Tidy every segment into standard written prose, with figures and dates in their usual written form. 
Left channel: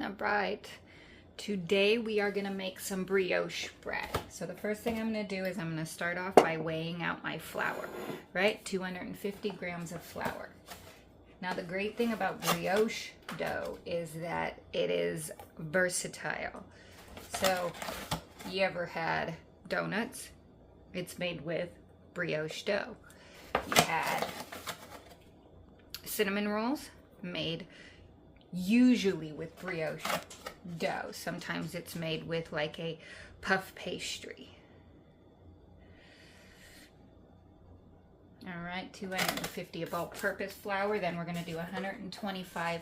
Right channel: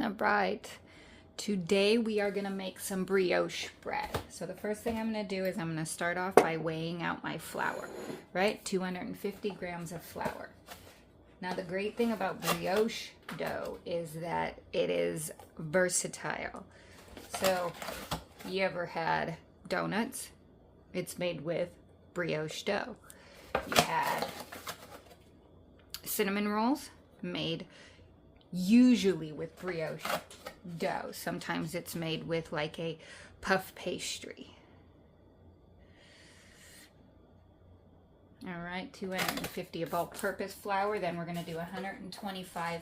All right, today we are gonna make some brioche bread. So the first thing I'm gonna do is I'm gonna start off by weighing out my flour, right? 250 grams of flour. Now the great thing about brioche dough is that it is versatile. So you ever had donuts? It's made with brioche dough. You had cinnamon rolls made usually with brioche dough. Sometimes it's made with like a puff pastry. All right, 250 of all-purpose flour. Then we're going to do 125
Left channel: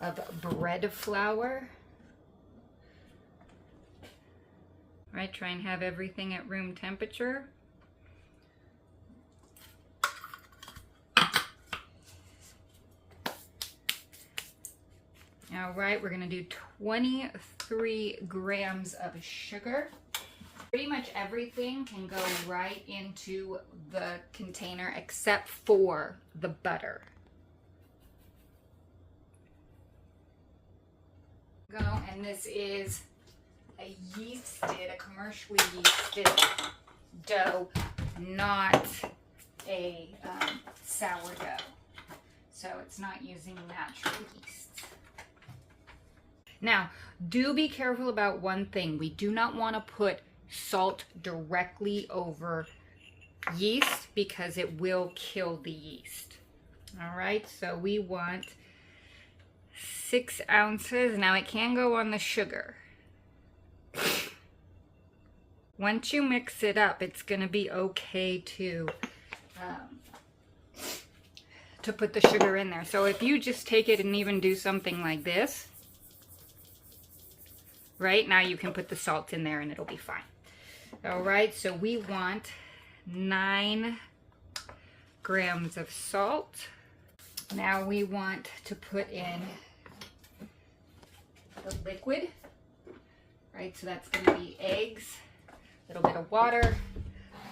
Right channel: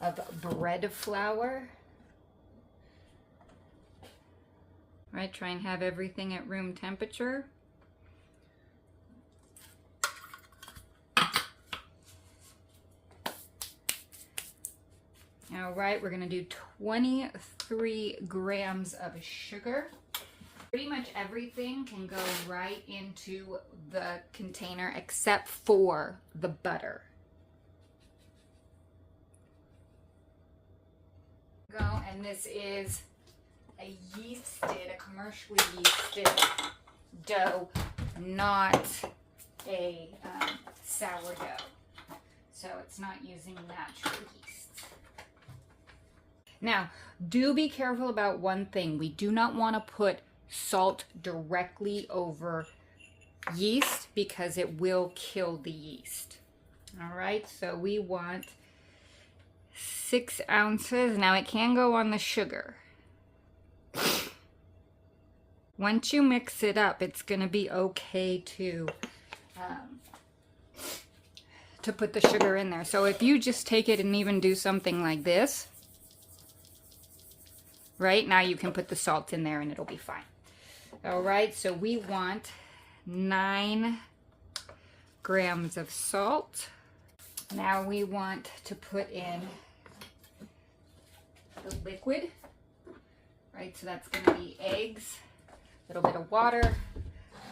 of bread flour. All right, try and have everything at room temperature. All right, we're gonna do 23 grams of sugar. Pretty much everything can go right into the container except for the butter. And this is a commercially yeasted dough, not a sourdough. So it's not using natural yeast. Now, do be careful about one thing. We do not want to put salt directly over yeast because it will kill the yeast. All right, so we want 6 ounces. Now, it can go on the sugar. Once you mix it up, it's going to be okay to put the sugar in there. So if you just take it and even do something like this, right, now you can put the salt in there and it'll be fine. All right, so we want 9 grams of salt. Now we want to put in the liquid, right? So that's going to be eggs, a little bit of water,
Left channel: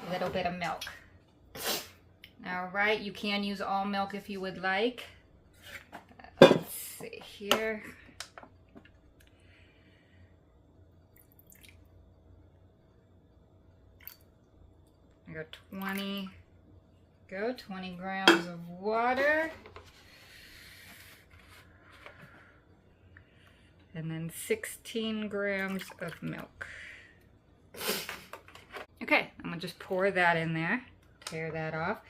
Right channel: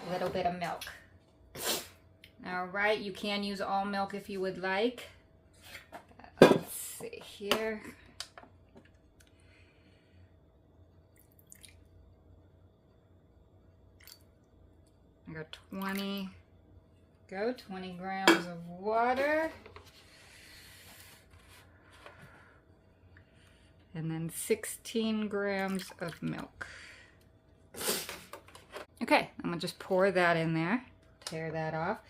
a little bit of milk. All right, you can use all milk if you would like. Let's see here. I got 20 grams of water. And then 16 grams of milk. Okay, I'm gonna just pour that in there, tear that off.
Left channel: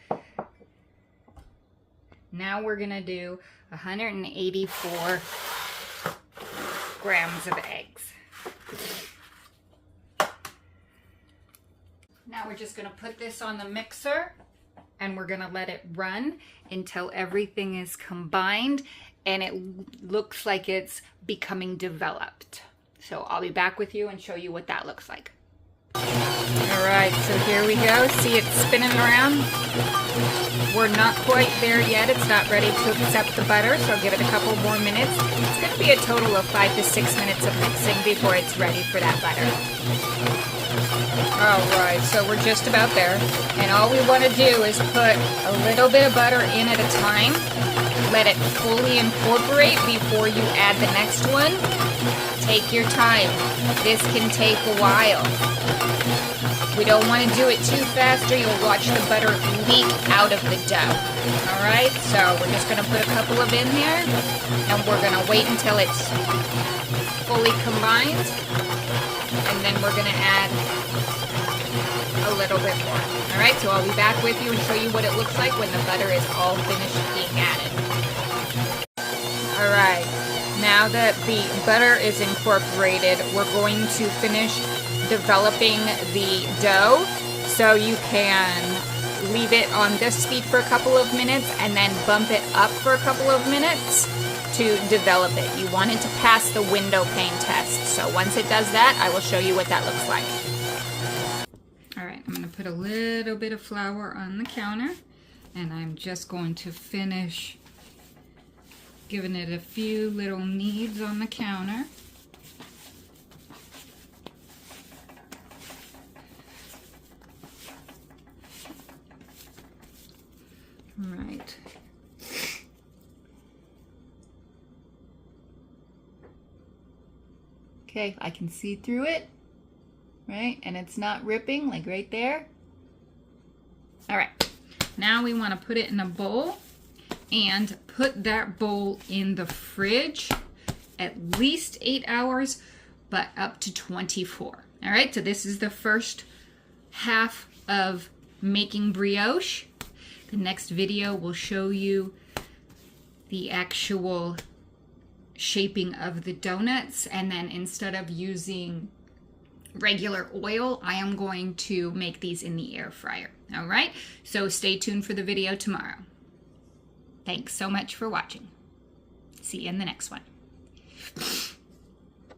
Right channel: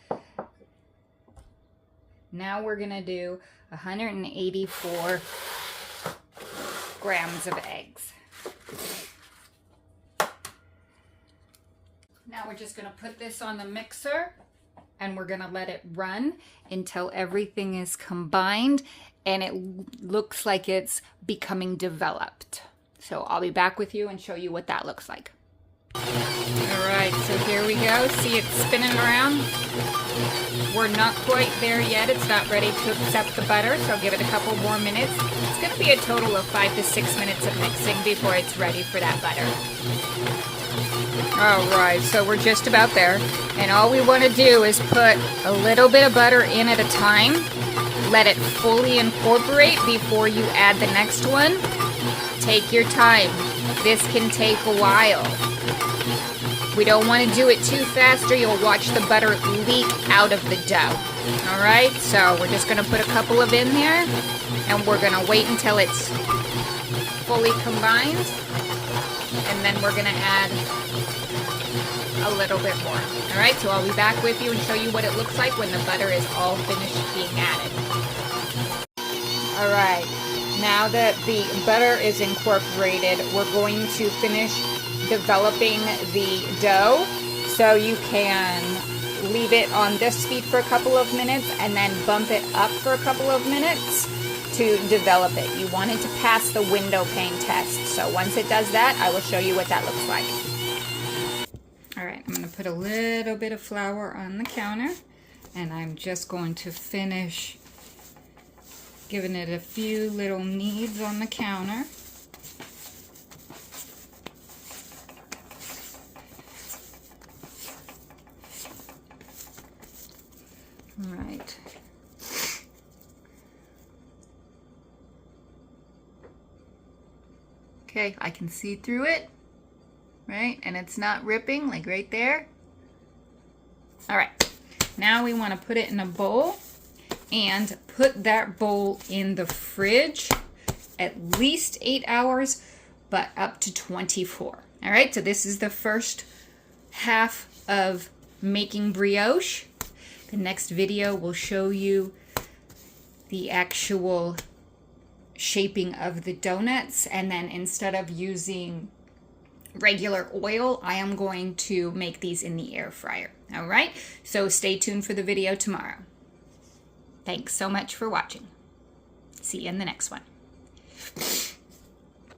Now we're gonna do 184 grams of eggs. Now we're just going to put this on the mixer and we're going to let it run until everything is combined and it looks like it's becoming developed. So I'll be back with you and show you what that looks like. All right, so here we go. See it spinning around? We're not quite there yet. It's not ready to accept the butter, so I'll give it a couple more minutes. It's going to be a total of 5 to 6 minutes of mixing before it's ready for that butter. Alright, so we're just about there, and all we want to do is put a little bit of butter in at a time, let it fully incorporate before you add the next one. Take your time. This can take a while. We don't want to do it too fast or you'll watch the butter leak out of the dough. Alright, so we're just going to put a couple of in here, and we're going to wait until it's fully combined. And then we're going to add a little bit more. All right, so I'll be back with you and show you what it looks like when the butter is all finished being added. All right, now that the butter is incorporated, we're going to finish developing the dough. So you can leave it on this speed for a couple of minutes and then bump it up for a couple of minutes to develop it. You want it to pass the window pane test. So once it does that, I will show you what that looks like. All right, I'm going to put a little bit of flour on the counter, and I'm just going to finish giving it a few little kneads on the counter. All right. Okay, I can see through it, right? And it's not ripping, like right there. All right, now we want to put it in a bowl and put that bowl in the fridge at least 8 hours, but up to 24. All right, so this is the first half of making brioche. The next video will show you the actual shaping of the donuts, and then instead of using regular oil, I am going to make these in the air fryer. All right, so stay tuned for the video tomorrow. Thanks so much for watching. See you in the next one.